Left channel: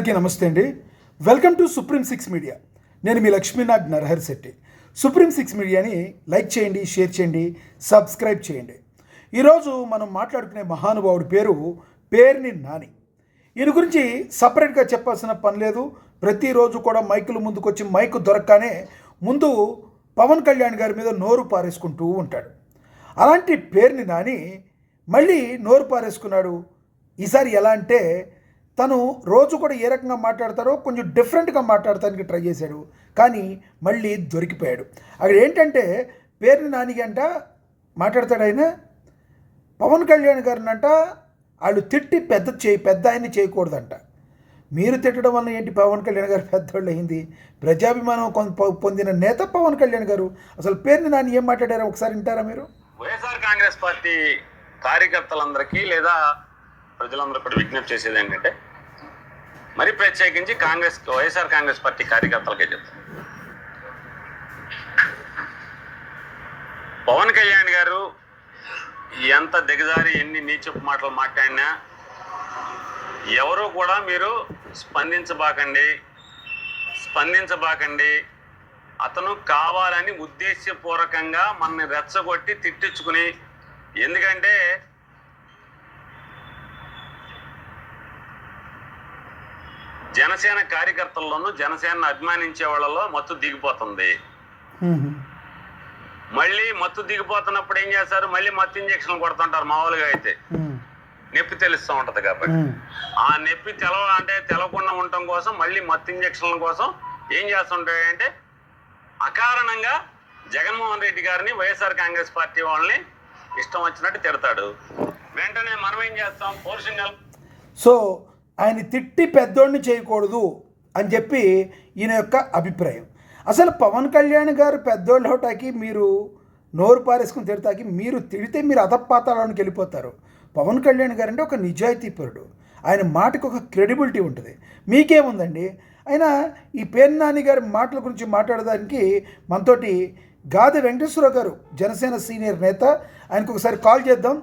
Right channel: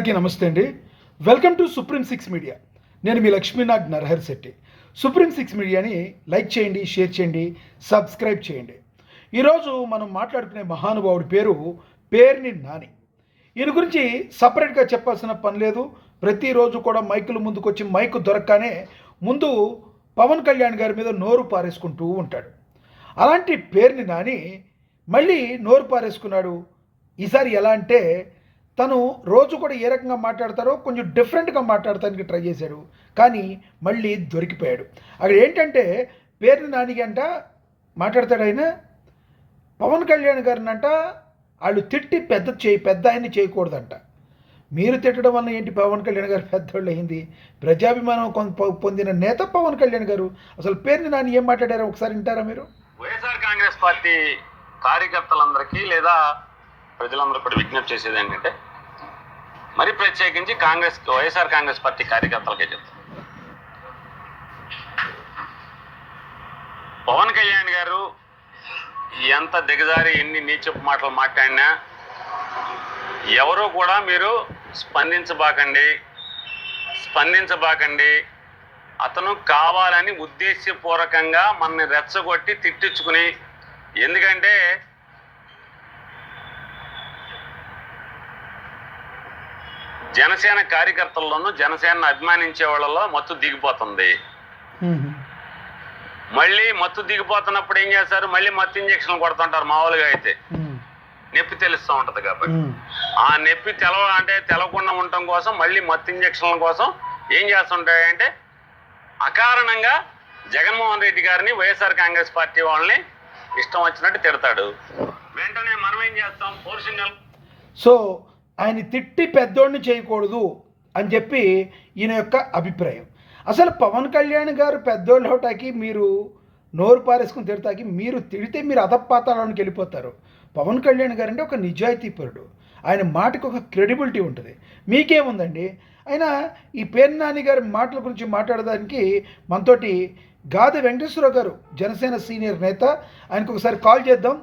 అందరికీ నమస్తే అండి. Welcome to supreme six media. నేను మీ లక్ష్మీనాథ్ నరహరి శెట్టి. సుప్రీం సిక్స్ మీడియాని లైక్ చేయండి, షేర్ చేయండి, సబ్స్క్రైబ్ చేయండి. ఈరోజు మనం మాట్లాడుకునే మహానుభావుడి పేరు పేర్ని నాని. ఈయన గురించి సపరేట్గా చెప్పాల్సిన పని లేదు. ప్రతిరోజు కూడా మైకుల ముందుకొచ్చి మైకు దొరకగానే ముందు పవన్ కళ్యాణ్ గారి మీద నోరు పారేసుకుంటూ ఉంటాడు. అలాంటి పేర్ని నాని మళ్ళీ నోరు పారేసుకున్నాడు. ఈసారి ఎలా అంటే తను రోజు కూడా ఏ రకంగా మాట్లాడతారో కొంచెం డిఫరెంట్గా మాట్లాడటానికి ట్రై చేశాడు, కానీ మళ్ళీ దొరికిపోయాడు. అక్కడ ఏంటంటే పేర్ని నానికి అంట మాట్లాడతాడు ఆయన, పవన్ కళ్యాణ్ గారిని అంట వాళ్ళు తిట్టి పెద్ద ఆయన్ని చేయకూడదంట. మీరు తిట్టడం వల్ల ఏంటి పవన్ కళ్యాణ్ గారు పెద్దోళ్ళు అయింది? ప్రజాభిమానం పొందిన నేత పవన్ కళ్యాణ్ గారు. అసలు పేర్ని నాని ఏం మాట్లాడారో ఒకసారి వింటారా మీరు? వైఎస్ఆర్ కాంగ్రెస్ పార్టీ కార్యకర్తలందరికీ లేదా ప్రజలందరూ కూడా విజ్ఞప్తి చేసేది ఏంటంటే, మరి ప్రత్యేకించి వైఎస్ఆర్ కాంగ్రెస్ పార్టీ కార్యకర్తలకే చెప్తారు, పవన్ కళ్యాణ్ గారు ఎంత దిగజారి ఎన్ని నీచపు మాటలు మాట్లాడినా ఎవరు కూడా మీరు స్పందించబాకండి. అతను కావాలని ఉద్దేశపూర్వకంగా మనని రెచ్చగొట్టి తిట్టించుకుని, ఎందుకంటే జనసేన కార్యకర్తల్లోనూ జనసేనను అభిమానించే వాళ్ళలో మత్తు దిగిపోతుంది. మళ్ళీ మత్తు దిగిపోతున్నప్పుడు ఏం చేస్తారు? మళ్ళీ మత్తు ఇంజక్షన్లు కొడుతుంటారు. మామూలుగా అయితే నొప్పి తెలుస్తూ ఉంటది కాబట్టి ఆ నొప్పి తెలవకుండా ఉండటం కోసం మళ్ళీ మత్తు ఇంజక్షన్ల కోసం ఏం చేస్తుంటాయంటే అకారణంగా జగన్మోహన్ రెడ్డి గారిని వైఎస్ఆర్ కాంగ్రెస్ పార్టీ వాళ్ళని ఇష్టం వచ్చినట్టు తిడతాడు. వెంటనే మనం ఏం చేస్తాం? పోర్షన్యల్ సో ఆయన తిట్టి పెద్దోడిని చేయకూడదు అని చెప్పి ఈయన యొక్క అభిప్రాయం. అసలు పవన్ కళ్యాణ్ గారు పెద్దోళ్ళు అవటానికి, మీరు నోరు పారేసుకుని తిడతాకి, మీరు తిడితే మీరు అధపాతాళానికి వెళ్ళిపోతారు. పవన్ కళ్యాణ్ గారు అంటే ఒక నిజాయితీపరుడు. ఆయన మాటకు ఒక క్రెడిబిలిటీ ఉంటుంది. మీకేముందండి? అయినా ఈ పేర్ని నాని గారి మాటల గురించి మాట్లాడడానికి మనతోటి గాది వెంకటేశ్వరరావు గారు, జనసేన సీనియర్ నేత. ఆయనకు ఒకసారి కాల్ చేద్దాం.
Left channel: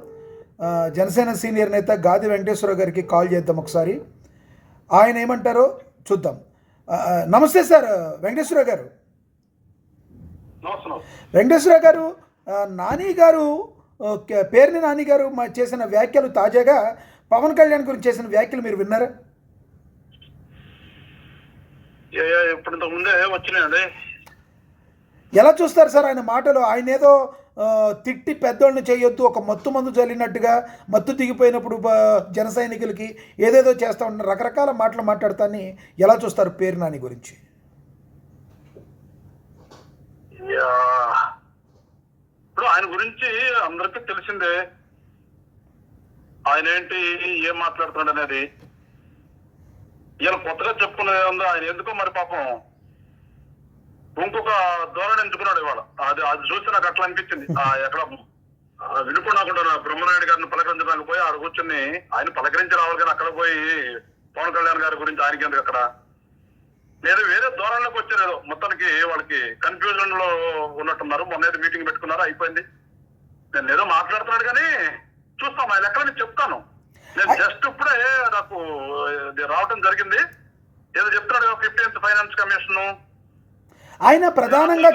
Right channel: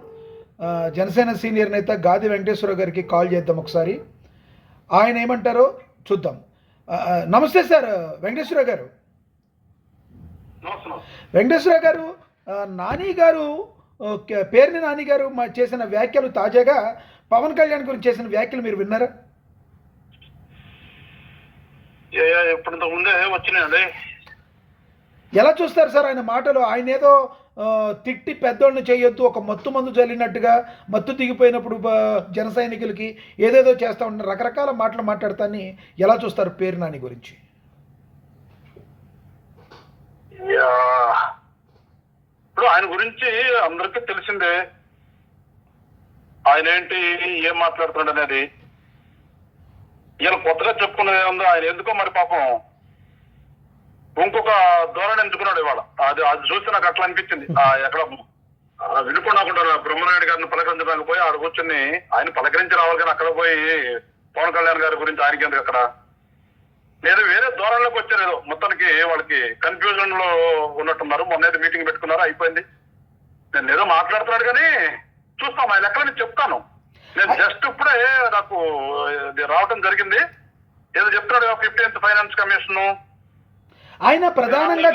జనసేన సీనియర్ నేత గాది వెంకటేశ్వరరావు గారికి కాల్ చేద్దాం ఒకసారి. ఆయన ఏమంటారో చూద్దాం. నమస్తే సార్ వెంకటేశ్వరరావు గారు. వెంకటేశ్వరరావు గారు, నాని గారు, పేర్ని నాని గారు చేసిన వ్యాఖ్యలు, తాజాగా పవన్ కళ్యాణ్ గురించి చేసిన వ్యాఖ్యలు మీరు విన్నారా? ఎలా చూస్తారు సార్ ఆయన మాటలు? ఆయన ఏదో తిట్టి పెద్దోళ్ళని చేయొద్దు, ఒక మత్తు మందు చల్లినట్టుగా, మత్తు దిగిపోయినప్పుడు జన సైనికులకి ఏదేదో చేస్తూ ఉంటారు, రకరకాల మాటలు మాట్లాడతాన్ని ఎలా చూస్తారు పేరు నాని గురించి? ఇప్పుడు ఆయన గురించి అందరికీ తెలిసిందే. ఆయన ఏంటి, ఏం మాట్లాడుతున్నాడు అనేది. ఈయన కొత్తగా చెప్పుకునేది ఏముందో, ఆయన ఎందుకో మరి పాపం ఇంకొక ధోరణి ఎంచుకున్నాడు ఇవాళ. అది చూస్తే నాకు అట్లా అనిపించింది. ఎక్కడ వినుకోకుండా బ్రహ్మనాయుడు గారిని పలకరించడానికి పోయి ఆడ కూర్చొని ఆయన పలకరించి రావాలి, కానీ అక్కడ పోయి పవన్ కళ్యాణ్ గారి గురించి ఆయనకి ఎందుకు అక్కడ లేదు, వేరే ధోరణిలోకి వచ్చారు. ఏదో మొత్తానికి వాళ్ళకి కన్ఫ్యూజన్ లో ఉన్నట్టున్నారు. మొన్న ఏదో మీటింగ్ పెట్టుకున్నారు, అయిపోయింది. నేను ఏదో మాట్లాడుతున్నాడు కానీ చూస్తాం ఆయన లెక్కలు నేను చెప్తాను. నేను జస్ట్ ఇప్పుడే నాకు రావటం జరిగింది. ఏదో చెప్తున్నాడు 15th ఫైనాన్స్ కమిషన్. ఆయన ప్రధానంగా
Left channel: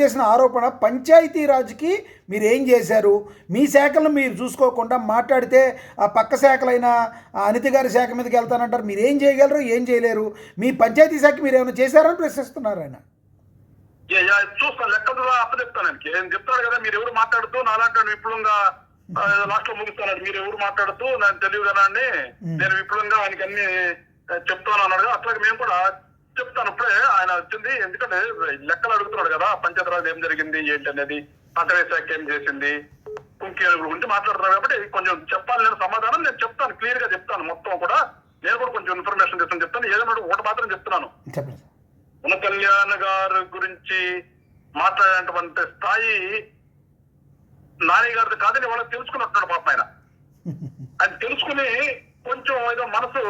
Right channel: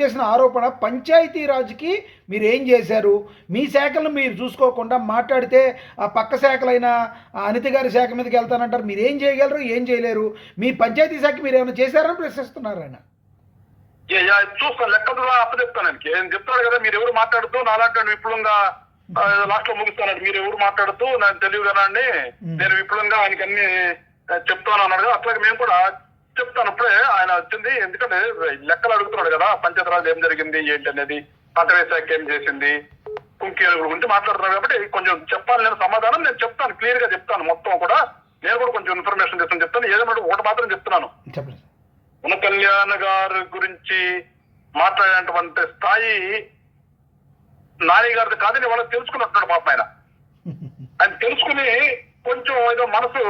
చేసిన ఆరోపణ, పంచాయతీరాజ్కి మీరు ఏం చేశారు, మీ శాఖలను మీరు చూసుకోకుండా మాట్లాడితే ఆ పక్క శాఖలైన అనిత గారి శాఖ మీదకి వెళ్తానంటారు. మీరు ఏం చేయగలరు, ఏం చేయలేరు, మీ పంచాయతీ శాఖ మీరు ఏమైనా చేశారని ప్రశ్నిస్తున్నారు ఆయన. చూస్తాను, లెక్కలు అప్పచెప్తాను ఆయనకి. ఏం చెప్తాడు కదా, మీరు ఎవరు మాట్లాడుతూ నాలాంటి విపులంగా లాస్ట్ లో ముగిస్తాను, మీరు ఎవరు మాట్లాడుతూ నాకు తెలియదు కదా అండి, నేను విపులంగా ఆయనకి అన్ని చెప్తాను అన్నాడు కదా. అట్లాగే మేము కూడా చెప్తాను. ఇప్పుడే ఆయన వచ్చింది, ఎందుకంటే లెక్కలు అడుగుతున్నాడు కదా, పంచాయతీరాజ్ ఏం జరిగింది ఏంటి అనేది, అటవీ శాఖ ఏం చేసింది, కుంకి గురించి మాట్లాడుతున్నాడు కాబట్టి కొంచెం చెప్పాలి. నేను సమాధానం నేను చెప్తాను, క్లియర్ గా చెప్తాను. మొత్తం కూడా నేను కూడా కొంచెం ఇన్ఫర్మేషన్ చెప్తాను. ఏదన్నా ఒకటి మాత్రం చెప్తున్నాను, పవన్ కళ్యాణ్ గారి గురించి మాట్లాడేటువంటి స్థాయి నాని గారిది కాదని వాళ్ళకి తెలుసుకున్నట్టున్నాడు పాపం ఆయన. ఆయన తెలుసుకుని కొంచెం ఏదో మనసు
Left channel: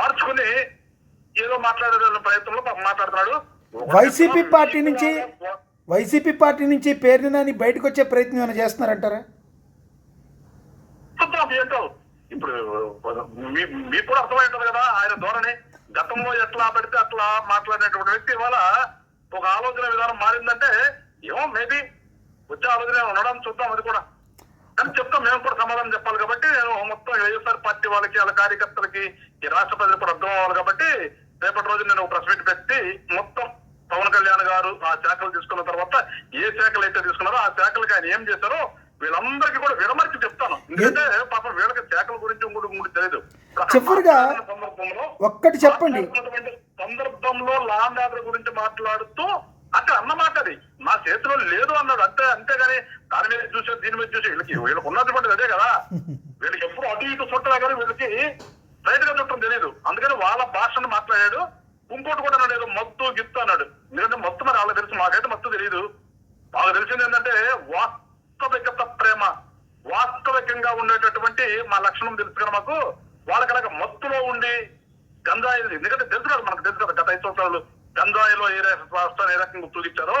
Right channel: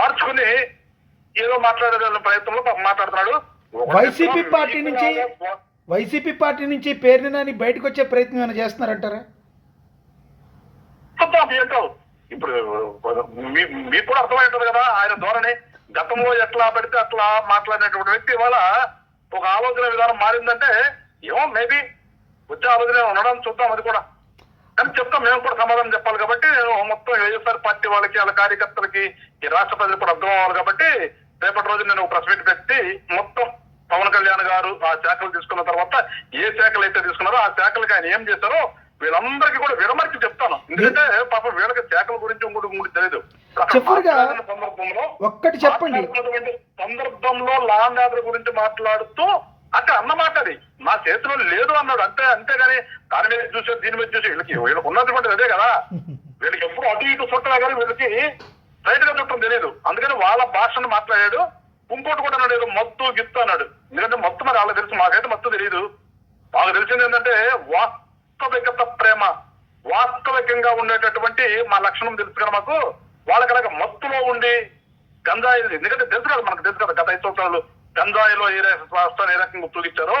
మార్చుకుని ఏదో మాట్లాడే ప్రయత్నంలో మాట్లాడుతున్నాడు. వైసీపీ పార్టీ నుంచి పేర్ని నాని బయటకు వచ్చే ప్రయత్నం ఏమైనా చేస్తున్నారంటారా? ఏంటో ఇప్పుడు మీకు కూడా అర్థమవుతుంది కదా ఆయన ధోరణి. గతంలో ఎట్లా పడితే అట్లా మాట్లాడినటువంటి వ్యక్తి ఇవాళ ఒక ఆలోచన విధానం మారిందంటే ఏమో మేబీ వచ్చే ఆలోచన ఉండడం చూద్దాం, అది కూడా. కానీ చెప్తాం, మేము కూడా సమాధానం చెప్పాలి కాబట్టి నేను మొత్తం వైఎస్ఆర్ పార్టీ వాళ్ళకి, వాళ్ళ కార్యకర్తలకి, ఈ రాష్ట్ర ప్రజలకు కూడా అర్థం అవ్వాలి కాబట్టి రేపటి రోజు నేను ప్రెస్ మీట్ పెట్టి మొత్తం పవన్ కళ్యాణ్ గారు ఆ శాఖలు తీసుకున్న తర్వాత ఏ శాఖలు అయితే తీసుకున్నారో ఆ శాఖలకి ఆయన ఏం చేశారో వీళ్ళందరికీ కూడా విడమర్చి చెప్తాను. ఎందుకంటే పాపం వీళ్ళకి శాఖల గురించి ఇంకోటి తెలియదు. సందర్భంలో ఒక్కటి చెప్పండి, సందర్భంలో లా అండ్ ఆర్డర్ గురించి మాట్లాడుతూ అక్కడ అన్నమాట అది నా చేతిలో లేదు అన్నాడు. అంతేగాని దాని మీద చూసే దీని మీద చూసి వీళ్ళకి ఉన్నటువంటి అదే కదా. వీళ్ళకి ఎప్పుడు అటు ఇటు చుట్టా కానీ వీళ్ళకి రైట్ గా చుట్టం తెలియదు. అందుకని వాళ్ళ భాషను మాట్లాడాడు. ఇంకోటి కూడా అన్నాడు, ఏదో మత్తు గిత్తు అన్నాడు. ఎందుకంటే మత్తు మరి వాళ్ళకి తెలుసు, మాకైతే మత్తు తెలియదు. మాకు తెలిసింది ఏంటంటే వాస్తవికత ప్రేమ, వాస్తవికంగా ఉండేటటువంటి మా లక్షణం తెలుసు కదా మాకు. వాళ్ళకి అలాగ మత్తులో ఉండి గంజాయి, ఎందుకంటే తెలుసు కదా మనకు తెలుసు కదా గత 5 సంవత్సరాలు గంజాయిలో ఏ రాష్ట్రాన్ని ఏ రకంగా తూగిచ్చారో.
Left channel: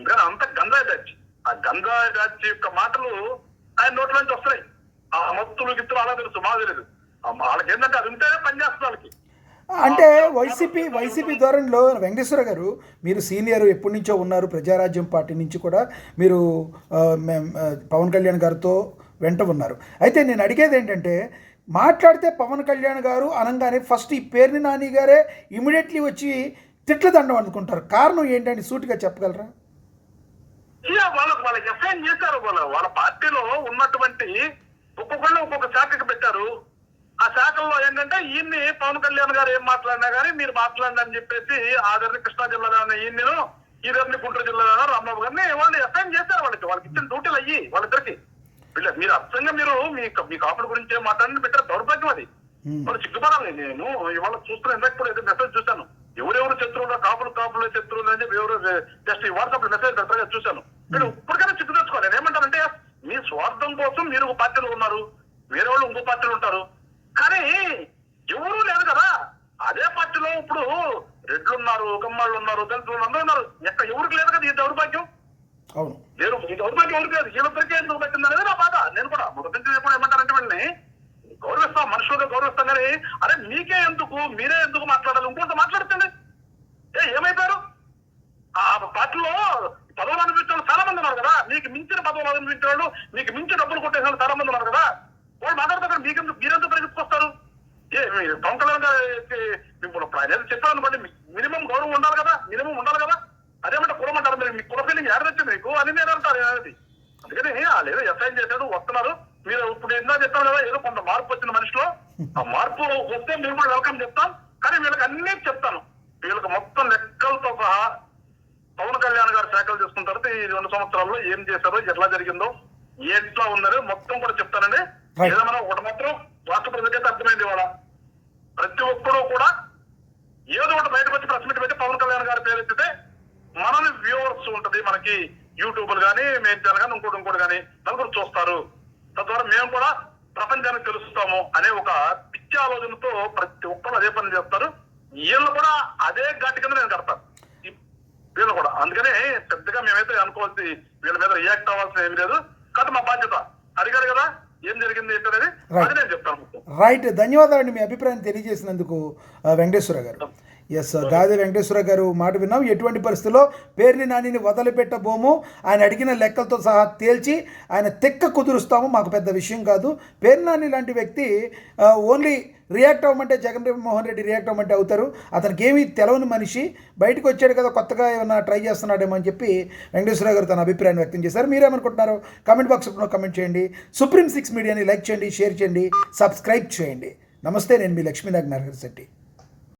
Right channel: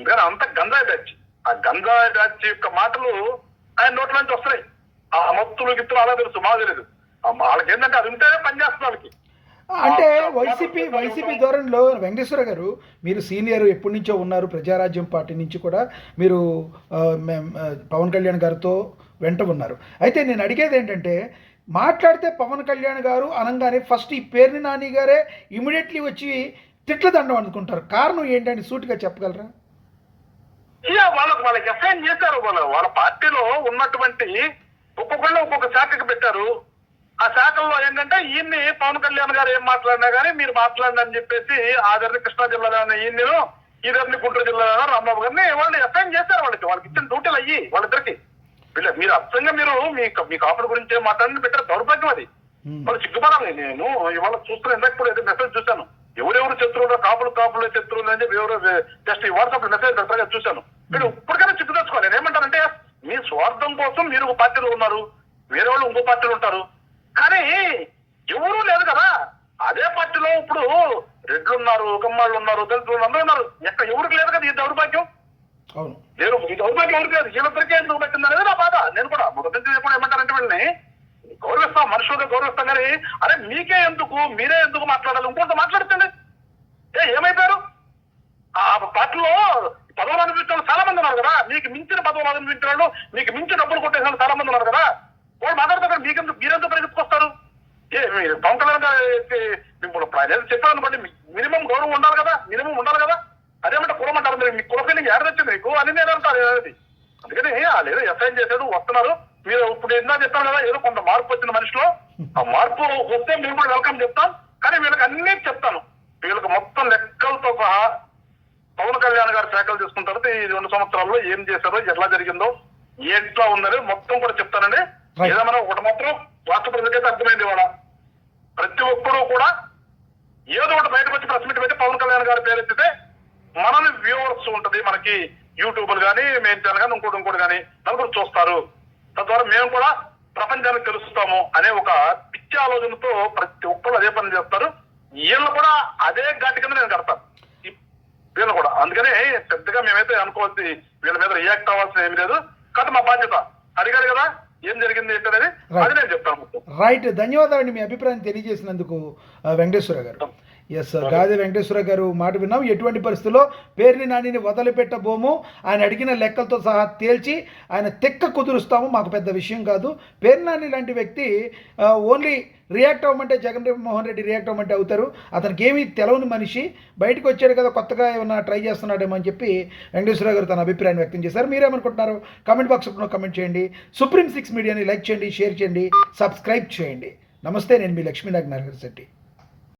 ఇంకా అంత గంజాయి బ్యాచ్, ఆ గంజాయి బ్యాచ్ యొక్క మాటలు ఆయన నోట్ల నుంచి వస్తున్నాయి. ఆ మత్తులు గిత్తులు అలా తెలుసు, మాకు తెలియదు. వాళ్ళకి ఏంటంటే అది ఉంటేనే పనిచేస్తుంది వాళ్ళకి. అంటే వైసీపీ ధోరణిలో వెంకటేశ్వర గారు, మీరు సీనియర్ ఎప్పటి నుంచో ఉన్నారు, ప్రజారాజ్యం పార్టీ నుంచి కూడా మీరు పవన్ కళ్యాణ్ గారితో వెంట ఉన్నారు. అయితే నేను అడిగేది ఏంటంటే, మాట్లాడితే పవన్ కళ్యాణ్ గారు అనగానే ఫస్ట్ ఈ పేర్ని నాని గారే ఇమీడియట్లీ వచ్చి తిట్ల దండం అనుకుంటారు. కారణం ఏంటంటే సూటిగా చెప్పగలరా? వాళ్ళకి ఎఫ్ఐఎన్ చేశారు. వాళ్ళ పార్టీలో ఉన్నటువంటి ఒక్కొక్కళ్ళు ఒక్కొక్క శాఖకి పెట్టారు. ఆ శాఖల్లో ఏంటంటే ఈయన్ని పవన్ కళ్యాణ్ గారు ఏం మాట్లాడినా కానీ మీరు మాట్లాడండి అని చెప్పేసి ఆదర్ని కృష్ణా జిల్లాలో ఈయన్ని, ఈదర్ని గుంటూరు జిల్లాలో రాంబాబు గారిని వాళ్ళు ఎఫ్ఐఎన్ చేశారు. వాళ్ళకి ఇచ్చిన డ్యూటీలు అయ్యి వాళ్ళిద్దరికి. మీరు అర్థంగా మీరు మీ కాపుల గురించి మాట్లాడి పెట్టారు. దౌర్భాగ్యం అది. వాళ్ళు సిగ్గుపడాలి. నేను ఇవాళ చూస్తున్నా, ఇందాక కూడా ఏదో మెసేజ్ చూశాను, ఎవరెవరు శత్రువులు, కాపులు శత్రువులు అని చెప్పి ఎవరు జస్ట్ ఈ వాట్సాప్ లో మెసేజ్ పెడతారుగా చూశాను. మీరు ఇప్పటికైనా సిగ్గు తెచ్చుకోవాలి. నేను ఏమంటానంటే, మీ స్వార్థం కోసం మీరు ఒక పార్టీలో ఉన్నారు, వేరే వాళ్ళు ఇంకో పార్టీలో ఉంటారు, కానీ ఎవరూ లేదు కదా. అదే పార్టీలో ఇప్పుడు రెడ్లు ఉన్నారు, కమ్మాళ్ళు ఉన్నారు, దళితులు అందరూ ఉన్నారు. ఎక్కడ ఎవరికి లేదు కదా ఈ దౌర్భాగ్యం. నేను ఈ దౌర్భాగ్యం ఎవరికి లేదు, వీళ్ళిద్దరికే ఎందుకు పెట్టింది అనేది నా బాధ. నేను కూడా మొదటి ఎప్పుడు ఏమంటారంటే వీళ్ళని గౌరవిస్తాం, మనుషులుగా గౌరవిస్తాం, కానీ అరే మీకే ఎందుకు, మీరే ఎందుకు మాట్లాడాలి, ఇంకొంత మాట్లాడుతుంది. ఏమైపోయారు? ఆ పార్టీలో పదవులు అనిపించిన వాళ్ళు చాలా మంది ఉన్నారు కదా, మీకు మించిన పదవులు అనిపించిన వాళ్ళు, మీకు మించిన డబ్బులు కొట్టేసిన వాళ్ళు చాలా మంది ఉన్నారు కదా. వాళ్ళు మాట్లాడతారు, మీరెందుకు పరిగెత్తుకొస్తారు? పవన్ కళ్యాణ్ గారు చెప్పాలనుకోండి, మినిమం గౌరవం ఉండాలి కదా, మినిమం ఉండాలి కదా. అదేమంటే కులం అంటారు, మీరు మీ కుల ఫీలింగ్ ఎవరొచ్చింది మీకు అని నేను అంటారు అనేది. అందుకని లేదు ఎఫ్ఐఆర్ చేశాడు, వస్తున్నారు. మీరు ఇప్పుడు ఎన్నో చెప్తాను కదా, ఏదో కొంత మార్పు వచ్చిన మనిషిలో. ఆ మార్పు వస్తే మేము కూడా వెల్కమ్ చెప్తాం, కానీ వీళ్ళకి అన్నీ చెప్తాను. వీళ్ళకి మొత్తం లెక్కలతో సహా పవన్ కళ్యాణ్ గారు శాఖలు తీసుకున్న తర్వాత ఈ 2 సంవత్సరాల్లో ఏం చేశారో, ఎట్లా జరిగిందో, ఎట్లా ఉందని మొత్తం కూడా చెప్తానండి. ఏదేమన్నా ఒకటి మాత్రం రాష్ట్ర ప్రజలకైతే అర్థమైంది, ఇవాళ ప్రతి ఒక్కరూ కూడా ఏదో ఒకటి బయటకు వచ్చి ప్రెస్ మీట్ పెట్టి పవన్ కళ్యాణ్ గారి పేరు ఎత్తితే మనల్ని వ్యూవర్స్ ఉంటది, మనకి యూట్యూబ్లు కానీ, మెయిన్ ఛానల్ కానీ, ఇంకోటి కానీ నలుగురు చూస్తారు. తద్వారా మేము కూడా ప్రపంచానికి తెలుస్తాము అనే ఒక పిచ్చి ఆలోచనతో ప్రతి ఒక్కరు అదే పని చేస్తారు. వీళ్ళు కూడా అదే ఘాటి కింద నేను కడతాను వీళ్ళు కూడా. అందుకని పెద్దగా మేమైతే అనుకోవాల్సి, వీళ్ళ మీద రియాక్ట్ అవ్వాల్సిన ఏమి లేదు. కాబట్టి మా బాధ్యత అడిగారు కదా ఏం జరిగింది ఏంటనేది, అది నేను చెప్తాను. రైట్, ధన్యవాదాలండి మీ అభిప్రాయం తెలియజేసినందుకు వెంకటేశ్వర గారు. ఎస్, గాదే వెంకటేశ్వర గారు మాట విన్నాం. ఎటువంటి పరిస్థితుల్లో పేర్ని నానిని వదిలిపెట్టబోము, ఆయన అడిగిన లెక్కలతో సహా తేల్చి ఆయన తెక్క కుదురుస్తాము, మాకు పెద్ద విషయం కాదు. పేర్ని నాని లాంటి వ్యక్తి ఓన్లీ రియాక్ట్ అవ్వమంటే జగన్మోహన్ రెడ్డి రియాక్ట్ అవ్వమంటే అవుతారు. అతనికి ఏమీ తెలవని మనిషి, బయటకు వచ్చాడు కదా, కొత్తగా ఏమన్నా ట్రై చేస్తున్నాడేమో అని చెప్పి వెంకటేశ్వర గారు తన అభిప్రాయాన్ని వ్యక్తం చేశారు. మీరేమనుకుంటున్నారు కామెంట్ బాక్స్లో కామెంట్ చేయండి. సుప్రీం 6 మీడియాని లైక్ చేయండి, షేర్ చేయండి, సబ్స్క్రైబ్ చేయండి. నమస్తే, నేను మీ లక్ష్మీనాగ్ నరహరి శెట్టి.